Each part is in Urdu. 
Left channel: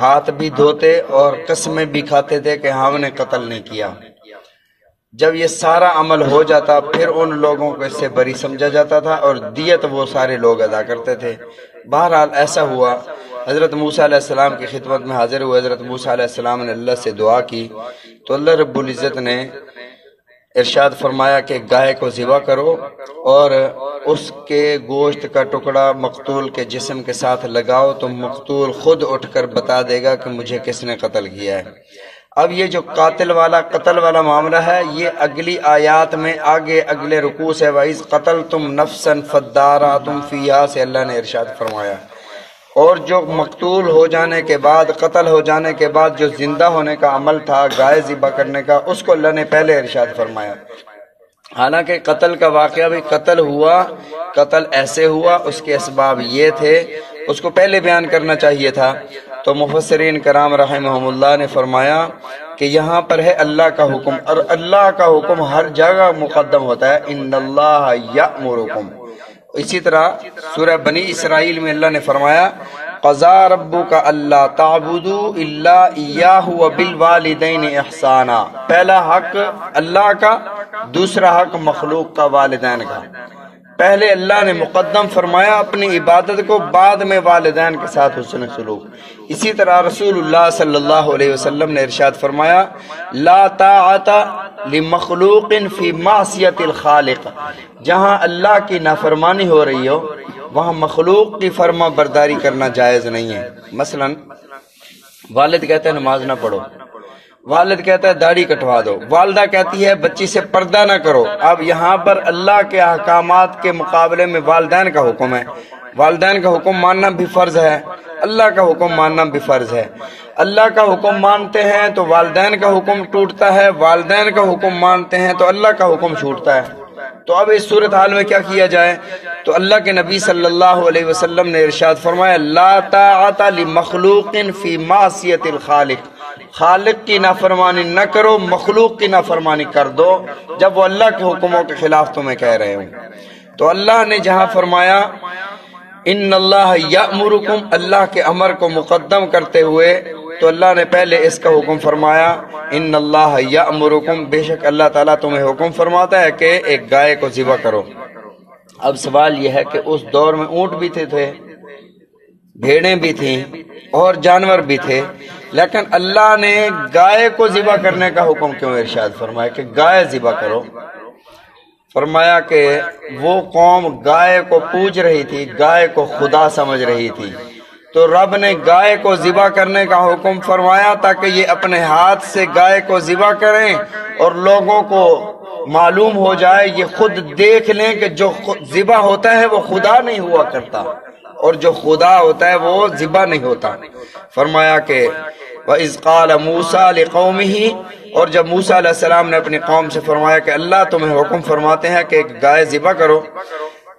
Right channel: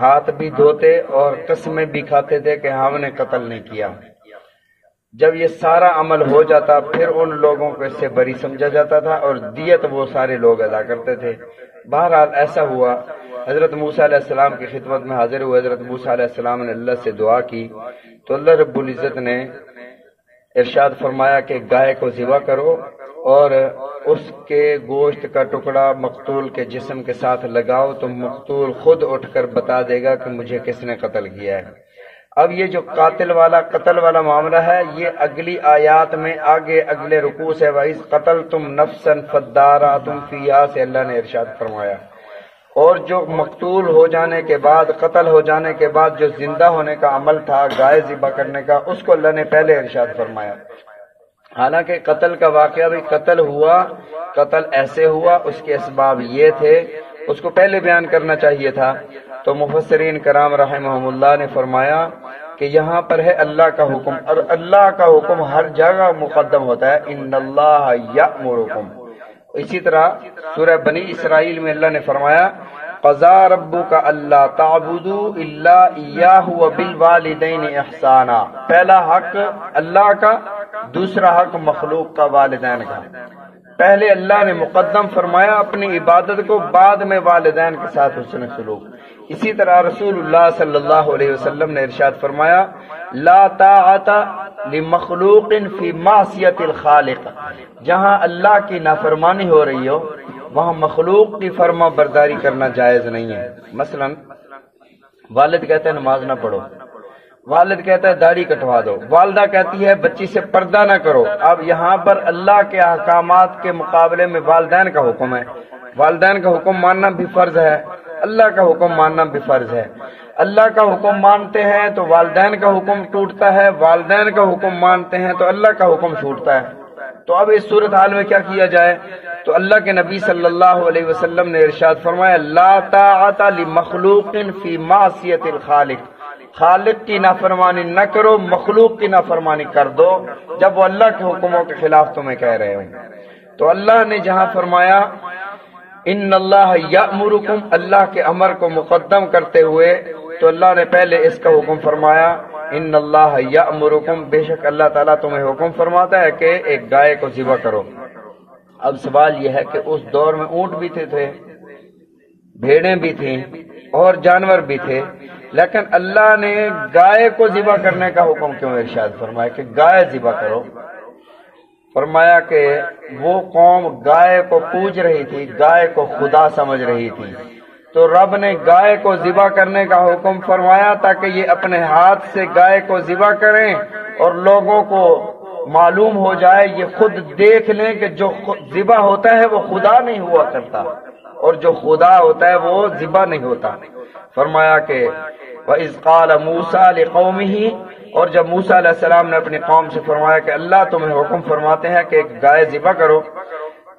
ہاتھ بھی دھوتے اور قسمیں بھی کھاتے تھے کہ ہم نے قتل نہیں کیا۔ جب یہ سارا عمل ہو جاتا پھر ان لوگوں کو اس سے بری سمجھا جاتا تھا اور دیت وہ سارے لوگ ادا کرتے تھے۔ بہرحال ایسا ہوا، حضرت موسیٰ علیہ السلام کی خدمت میں حاضر ہوئے۔ حضرت موسیٰ علیہ السلام نے اللہ سے دعا کی تو اللہ رب العزت نے ارشاد فرمایا کہ گائے کو ذبح کرو اور اس کے گوشت کا ٹکڑا مقتول کے جسم کے ساتھ لگاؤ تو مقتول خود اٹھ کر بتا دے گا کہ مجھے کس نے قتل کیا ہے۔ اب یہ جو قتل والا معاملہ ہے یہ اگلی آیات میں آگے اگلے رکوع سے وَإِذْ قَتَلْتُمْ نَفْسًا فَادَّارَأْتُمْ فِيهَا سے اللہ نے ارشاد فرمایا، اور جو مقتول ہو جانے کے بعد، قتل ہو جانے کے بعد جو زندہ ہونے کا عمل تھا گائے ذبح کرنے کا، اس کو اللہ نے پہلے ارشاد فرمایا۔ حالانکہ قتل کا واقعہ بھی قتل ہوا، قتل ایسے ہوا، اس کے اسباب یہ تھے، اس کو پہلے بیان کرنا چاہیے تھا۔ تو مفسرین کرام رحمہم اللہ نے فرمایا کہ یہاں پر ہے اللہ کا حکم، اور اللہ کا حکم ہر جگہ مقدم ہوتا ہے، ان اللہ یأمرکم۔ اسی طرح سورہ بنی اسرائیل میں اللہ نے فرمایا قضا ربک الا تعبدوا الا ایاہ وبالوالدین احسانا، پہلا حق اللہ کا، دوسرا حق مخلوق کا، والدین کا۔ پہلے اللہ نے مقدم فرمایا اپنی عبادت کو، بعد میں والدین کے ساتھ حسن سلوک۔ اسی طرح رسول اللہ صلی اللہ علیہ وسلم نے ارشاد فرمایا لا طاعت لمخلوق فی معصیت الخالق، جہاں اللہ کی نافرمانی ہو رہی ہو وہاں مخلوق کی فرما برداری کرنا جائز نہیں ہے۔ مثلا والد کہتا ہے نماز نہ پڑھو، والد کہتا ہے داڑھی کٹوا دو، والدہ کہتی ہے بچی سے پردہ نہ کرو۔ اب یہاں پر اللہ کے احکامات کے مقابلے میں والدین کا حکم ہے، والدین کا حکم ماننا بھی فرض ہے، اللہ کا حکم ماننا بھی فرض ہے۔ اللہ کا حکم مانتے ہیں تو والدین کا حکم ٹوٹتا ہے، والدین کا حکم مانتے ہیں تو اللہ کا حکم چھوٹتا ہے۔ تو اب اس صورتحال میں کیا کیا جائے؟ تو اللہ کے نبی صلی اللہ علیہ وسلم نے ارشاد فرمایا لا طاعت لمخلوق فی معصیت الخالق، خالق کی نافرمانی نہ کرو، مخلوق کی نافرمانی کر دو جب وہ اللہ کے حکموں کے خلاف تمہیں کہہ رہے ہوں۔ تو اللہ نے جہاں فرمایا ان اللہ یأمرکم، اللہ کے امر کو مقدم کرتے ہوئے تو اللہ نے پہلے اس کا حکم فرمایا ان اللہ یأمرکم، بے شک اللہ تعالیٰ تمہیں حکم فرماتا ہے کہ ایک گائے کو ذبح کرو۔ اب سوال یہ ہے کہ اس دور میں اونٹ بھی تھے، بھیڑیں بھی تھیں اور جانور بھی تھے، لیکن اللہ نے گائے کو ذبح کرنے کا حکم کیوں ارشاد فرمایا کہ گائے ذبح کرو؟ فرمایا کہ وہ قوم گائے کو پوج رہی تھی، گائے کو خدا سمجھ رہی تھی، تو رب نے گائے کو ذبح کرنے کا حکم فرمایا تاکہ یہ اپنے ہاتھ سے گائے کو ذبح کریں اور لوگوں کو معلوم ہو جائے، یہ خود دیکھ لیں کہ جو ذبح ہوتا ہے وہ خدا نہیں ہوا کرتا اور جو خدا ہوتا ہے وہ ذبح نہیں ہوتا۔ فرمایا کہ وَإِذْ قَالَ مُوسَىٰ لِقَوْمِهِ، اور جب موسیٰ علیہ السلام نے اپنی قوم سے فرمایا کہ اللہ تمہیں حکم فرماتے ہیں کہ ایک گائے ذبح کرو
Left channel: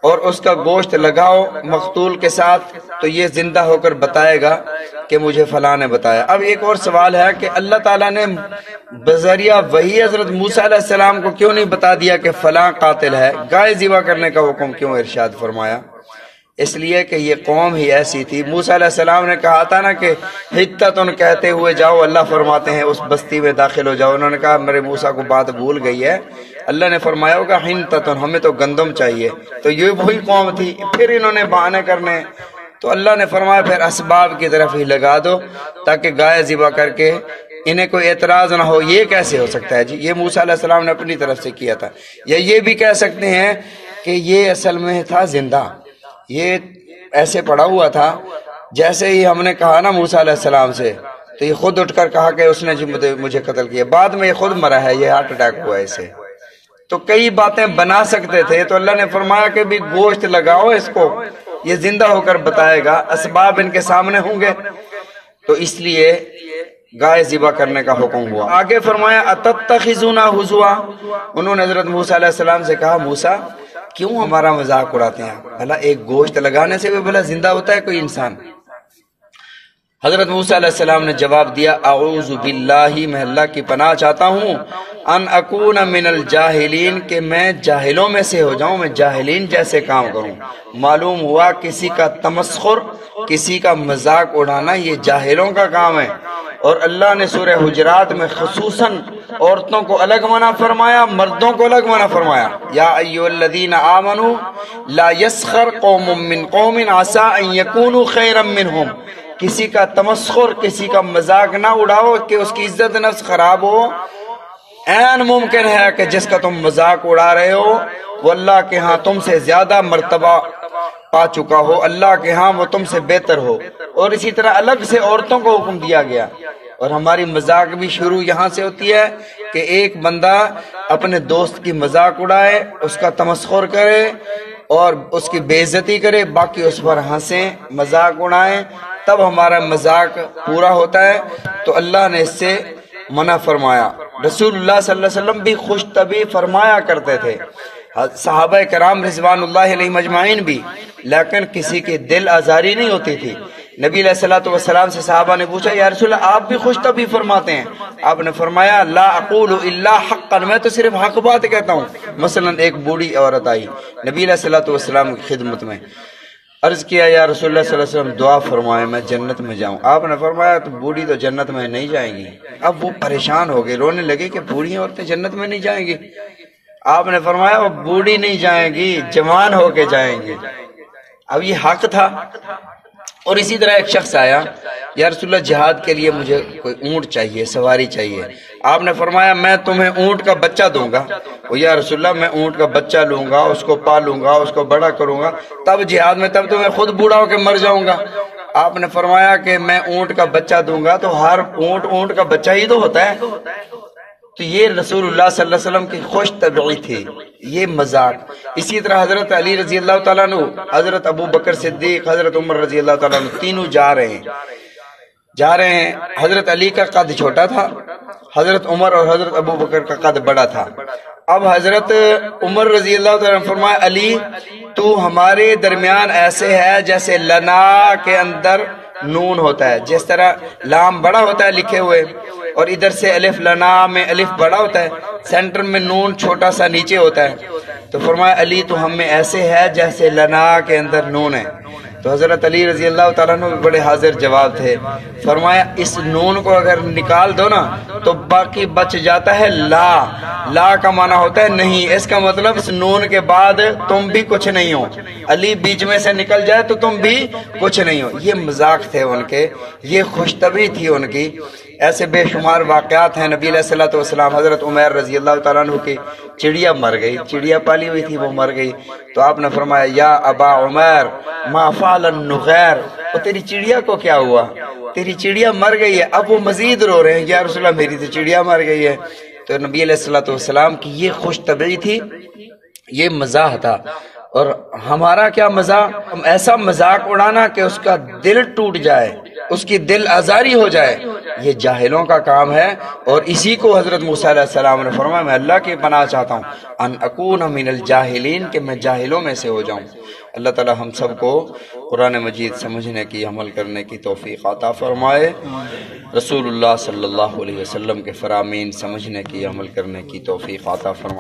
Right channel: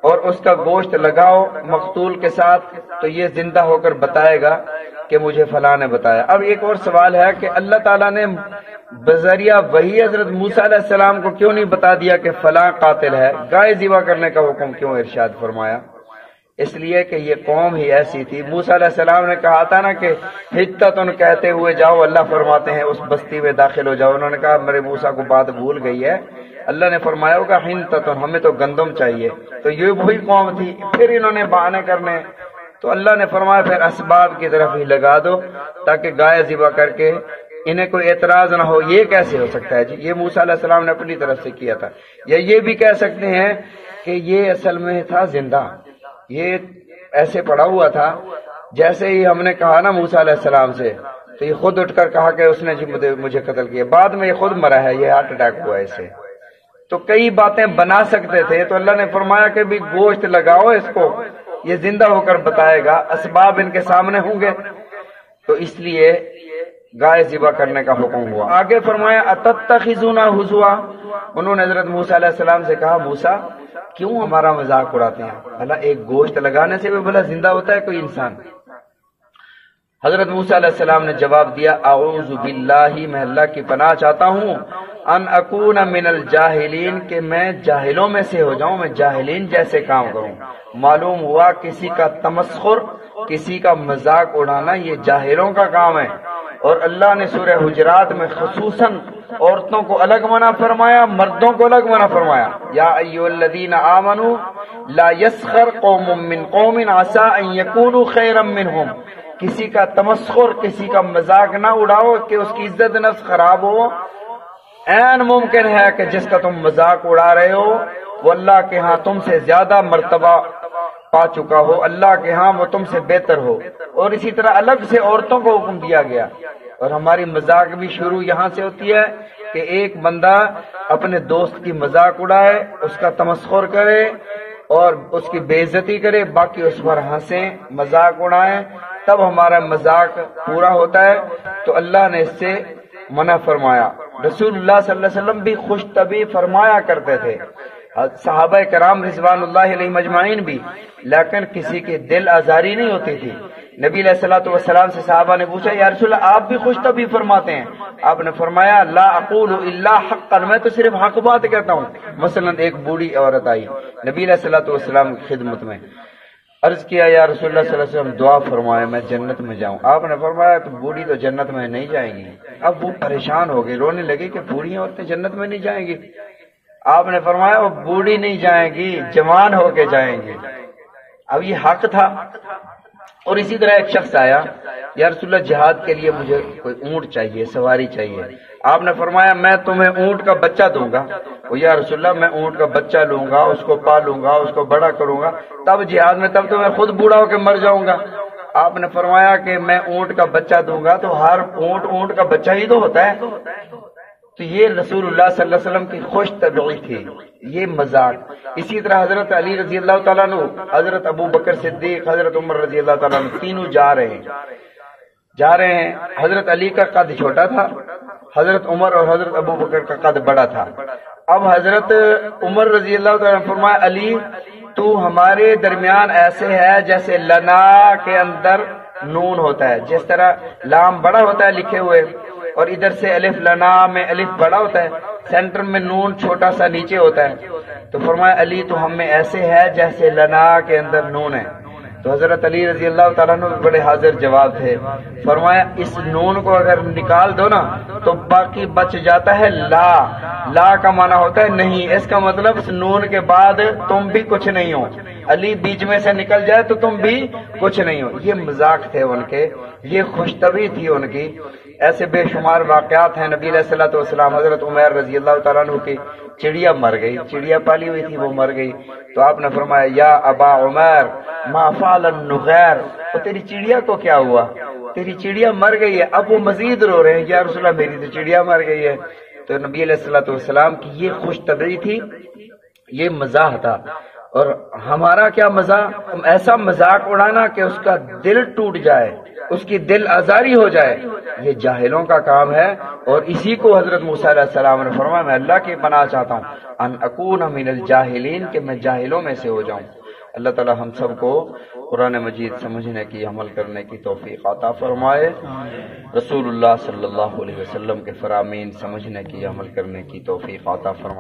اور اس کا گوشت لگاؤ مقتول کے ساتھ تو یہ زندہ ہو کر بتائے گا کہ مجھے فلاں نے بتایا۔ اب ایک اور سوال ہے کہ اللہ تعالیٰ نے بذریعہ وحی حضرت موسیٰ علیہ السلام کو کیوں نہیں بتا دیا کہ فلاں قاتل ہے؟ گائے ذبح کرنے کا حکم کیوں ارشاد فرمایا؟ اس لیے کہ یہ قوم ہی ایسی تھی۔ موسیٰ علیہ السلام نے کہا تھا نا کہ حتتن کہتے ہوئے جاؤ، اللہ فرماتے ہیں اس بستی میں داخل ہو جاؤ۔ انہوں نے کہا میرے موسیٰ کو بات بھول گئی ہے، اللہ نے فرمایا ہوگا حنتتن، ہمیں تو گندم چاہیے، تو یہ وہی قوم تھی۔ پھر انہوں نے بہانے کرنے، تو اللہ نے فرمایا پھر اسباب کی طرف ہی لگا دو تاکہ گائے ذبح کر کے انہیں کوئی اعتراض نہ ہو۔ یہ کیسے ہو سکتا ہے جی؟ یہ موسیٰ علیہ السلام نے اپنی طرف سے کیا تھا۔ یا یہ بھی کہہ سکتے ہیں کہ یہ اصل میں تھا زندہ، یہ ایسے پڑا ہوا تھا، جیسے ہی ہم نے کہا نا موسیٰ علیہ السلام سے تو یہ خود اٹھ کر کہا کہ اس نے مجھے قتل کیا، بعد میں یہ خود مرا ہے، یہ ہارٹ اٹیک ہوا ہے اسے۔ تو کئی باتیں بنا سکتے تھے، تو اللہ نے فرمایا کہ بھی گوشت لگاؤ اس کو، یہ زندہ ہو کر بتائے گا، اسباب ان کے سامنے ہوں گے، تو اس لیے گائے ذبح کرنے کا حکم ہوا۔ آگے فرمایا اتتخذون ہزوا، انہوں نے حضرت موسیٰ علیہ السلام سے کہا موسیٰ کیوں ہمارا مذاق اڑاتے ہیں؟ بھلا ایک گوشت لگانے سے بھی بھلا زندہ ہوتا ہے کوئی انسان؟ حضرت موسیٰ علیہ السلام نے جواب دیا اعوذ باللہ، میں اللہ کی پناہ چاہتا ہوں، ان اکون من الجاہلین، کہ میں جاہلوں میں سے ہو جاؤں، میں جاہلین جیسے کام کروں۔ معلوم ہوا کسی کا تمسخر، کسی کا مذاق اڑانا یہ جاہلوں کا کام ہے، اور اللہ نے سورہ حجرات میں خصوصاً عورتوں کو الگ منع فرمایا، مردوں کو الگ منع فرمایا۔ یا ایھا الذین آمنوا لا یسخر قوم من قوم عسى ان یکونوا خیرا منہم، کسی کا تمسخر، کسی کا مذاق نہ اڑاؤ کہ اس کی عزت نفس خراب ہو۔ عین ممکن ہے کہ جس کا تم مذاق اڑا رہے ہو وہ اللہ کے ہاں تم سے زیادہ مرتبہ پا چکا ہو، اللہ کے ہاں وہ تم سے بہتر ہو۔ اور اسی طرح الگ سے عورتوں کو حکم دیا گیا۔ اور ہماری مذاق بھی شروع یہاں سے ہوتی ہے کہ ایک بندہ اپنے دوست کی مذاق اڑائے، اس کا تمسخر کرے اور اس کی بے عزتی کرے، باقی اس پر ہنسیں، مذاق اڑائیں، تب ہمارا مذاق پورا ہوتا ہے۔ تو اللہ نے اس سے منع فرمایا۔ رسول اللہ صلی اللہ علیہ وسلم بھی خوش طبع فرمایا کرتے تھے، صحابہ کرام رضوان اللہ علیہم اجمعین بھی، لیکن کسی کی دل آزاری نہیں ہوتی تھی۔ نبی علیہ الصلوۃ والسلام سے صحابہ نے پوچھا یا رسول اللہ آپ بھی خوش طبع فرماتے ہیں؟ آپ نے فرمایا لا اقول الا حقا، میں تو صرف حق بات کہتا ہوں۔ مثلا ایک بوڑھی عورت آئی نبی علیہ الصلوۃ والسلام کی خدمت میں، عرض کیا یا رسول اللہ صلی اللہ علیہ وسلم دعا فرمائے میں جنت میں جاؤں۔ آپ نے فرمایا تو بوڑھی تو جنت میں نہیں جائیں گی۔ اب وہ پریشان ہو گئے، رونے لگے کہ بوڑھی عورتیں جنت میں نہیں جائیں گی۔ آپ نے فرمایا وہ بوڑھی نہیں جائیں گی، جوان ہو کے جائیں گی۔ اب یہ حق تھا۔ اور اسی طرح ایک شخص آیا یا رسول اللہ جہاد کے لیے مجھے کوئی اونٹ چاہیے، سواری چاہیے۔ آپ نے فرمایا میں تمہیں اونٹ کا بچہ دوں گا۔ وہ یا رسول اللہ میں اونٹ کا بچہ لوں گا، اس کو پالوں گا، اس کو بڑا کروں گا، تب جہاد میں، تب تو میں خود بوڑھا ہو کے مر جاؤں گا۔ آپ نے فرمایا کہ میں اونٹ کا بچہ دوں گا تو ہر اونٹ کا بچہ ہی تو ہوتا ہے۔ تو یہ رسول اللہ صلی اللہ علیہ وسلم کی خوش طبعی تھی، یہ مذاق۔ اسی طرح حضرت علی رضی اللہ تعالیٰ عنہ، حضرت ابو بکر صدیق، حضرت عمر رضی اللہ تعالیٰ عنہ، تینوں جا رہے ہیں۔ حضرت علی کا قد چھوٹا تھا، حضرت عمر اور حضرت ابو بکر کا قد بڑا تھا۔ اب حضرت عمر رضی اللہ تعالیٰ عنہ فرمایا علی تو ہمارے درمیان ایسے ہے جیسے لنا کے اندر نون ہوتا ہے، جس طرح لام بڑا ہوتا ہے لکھے ہوئے، اور ادھر سے الف لنا میں الف بڑا ہوتا ہے، سینٹر میں نون چھوٹا سا نیچے ہوتا ہے۔ تو فرمایا علی تو ہم میں ایسے ہے جیسے لنا کے اندر نون ہے۔ تو حضرت علی رضی اللہ تعالیٰ عنہ بڑے حاضر جواب تھے، فرمایا اس نون کو اگر نکال دو نا تو باقی بچ جاتا ہے لا۔ لا کا معنی ہوتا ہے نہیں، اس کا مطلب اس نون کے بعد تم بھی کچھ نہیں ہو، علی بیچ میں سے نکل جائے تو تم بھی کچھ نہیں ہو۔ یہ مذاق تھے ان کے، یہ خوش طبعی تھی ان کی۔ ایسے بے شمار واقعات ہیں۔ نبی علیہ الصلوۃ والسلام، حضرت عمیر رضی اللہ تعالیٰ عنہ کی چڑیا مر گئی، چڑیا پالی ہوئی تھی وہ مر گئی، تو آپ نے فرمایا یا ابا عمیر ما فعل النغیر، وہ تیری چڑیا کو کیا ہوا؟ تیری چڑیا مر گئی ہے۔ اب وہ مزید رو رہے ہیں یا رسول اللہ میری تو چڑیا مر گئی ہے۔ تو نبی علیہ الصلوۃ والسلام کی یہ خوش طبعی تھی، یہ مزاح تھا۔ اور ہمارا کیا مزاح؟ ہم ایسا مذاق اڑانا کہ اس کا دل ٹوٹ جائے، اس کی دل آزاری ہو جائے، یہ جاہلوں کا کام ہے۔ اور اسی کو حضرت موسیٰ علیہ السلام نے فرمایا میں اللہ کی پناہ چاہتا ہوں ان اکون من الجاہلین، کہ میں جاہلوں میں سے ہو جاؤں۔ اللہ تعالی ہم سب کو قرآن مجید سمجھنے کی، عمل کرنے کی توفیق عطا فرمائے۔ رسول اللہ صلی اللہ علیہ وسلم کے فرامین سمجھنے کی، عمل کرنے کی توفیق عطا فرمائے۔